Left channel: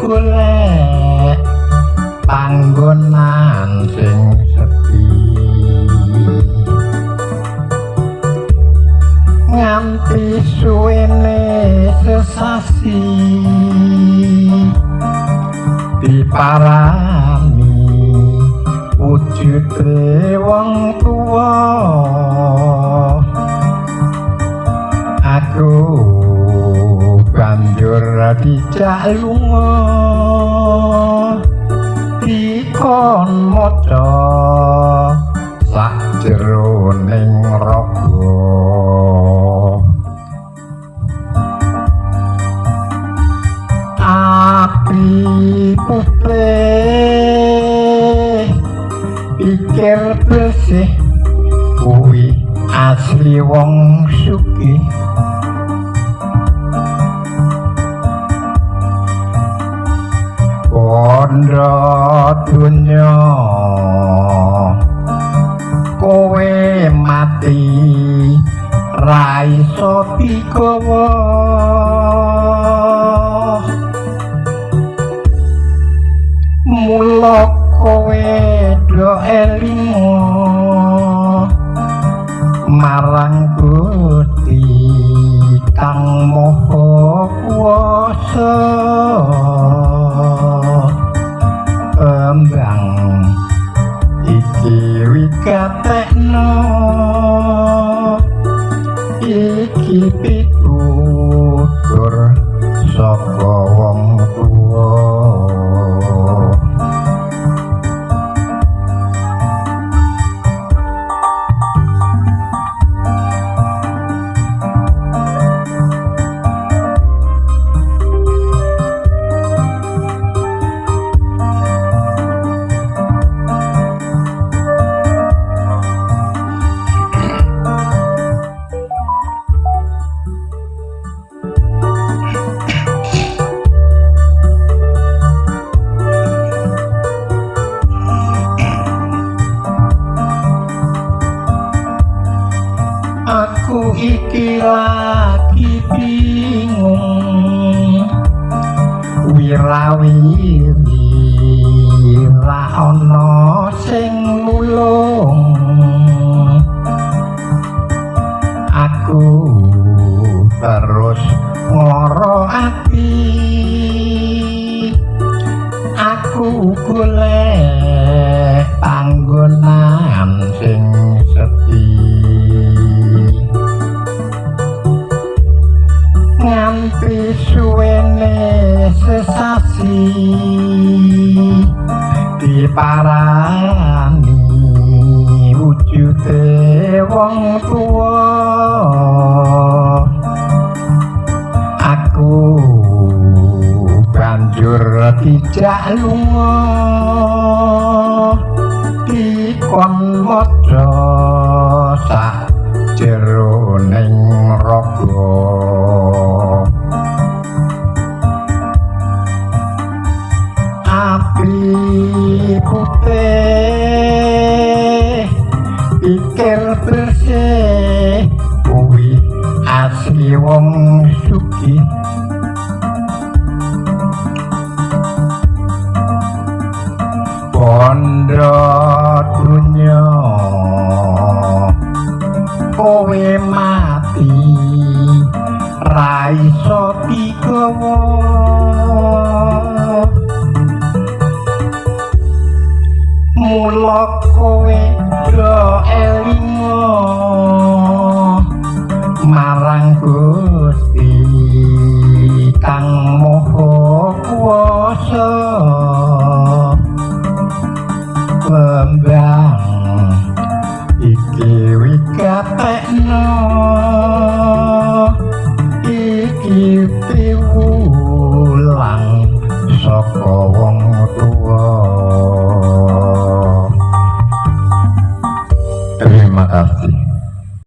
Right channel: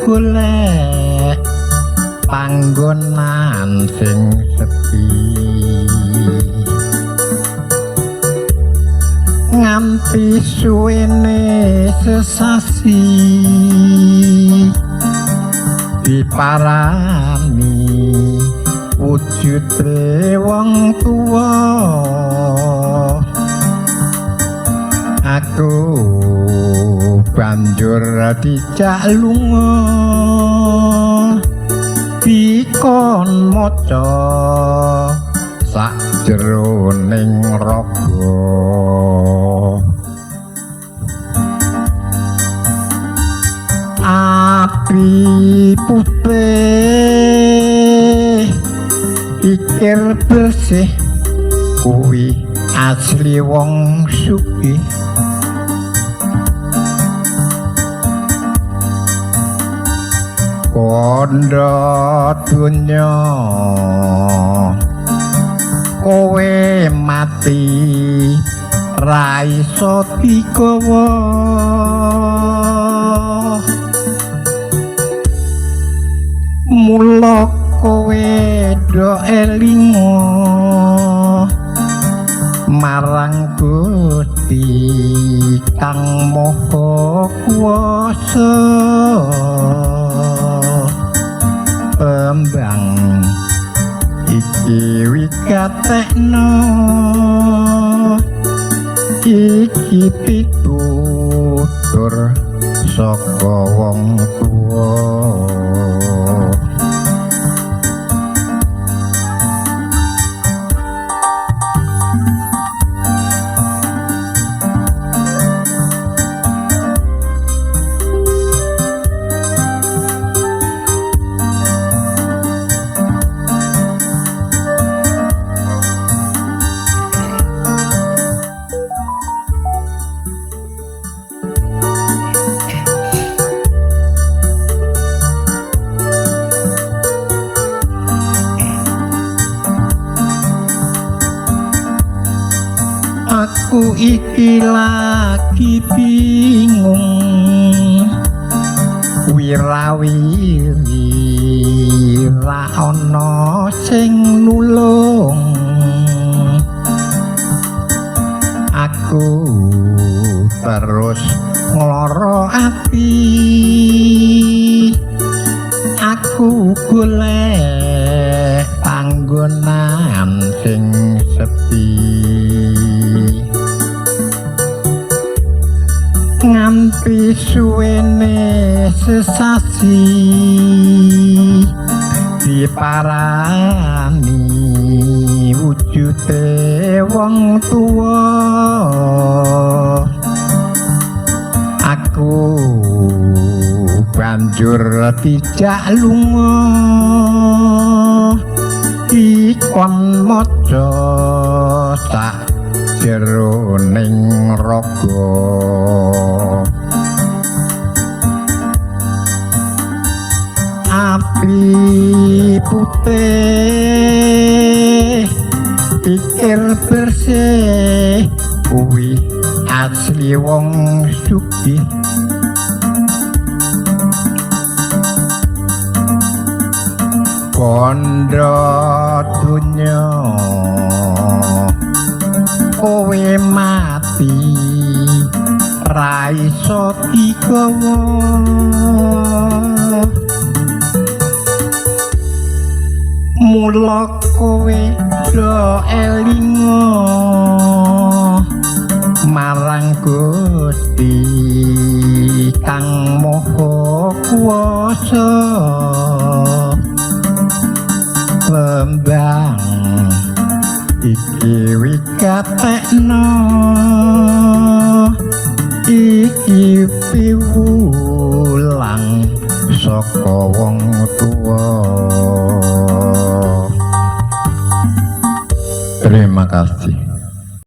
golek panggonan sing sepi nganti suwene sesasi diparani wujude wong tuwa aku banjur dijak lunga dikon maca sakjeroning raga api putih pikir bersih kuwi asli wong sugih bondo dunya kowe mati ra iso digawa mula kowe do elingo marang Gusti kang maha kuwasa pembang iki wikatekno iki pitutur saka wong tuwa aku iki lagi bingung wirawiri ra ana sing nulung aku terus ngoro ati aku golek panggonan sing sepi nganti suwene sesasi diparani wujude wong tuwa aku banjur dijak lunga dikon maca sak jeroning raga putih pikir bersih kuwi asli wong sugih bondo dunya kowe mati ra iso digawa mula kowe do elingo marang Gusti kang maha kuwasa pembang iki wikatekno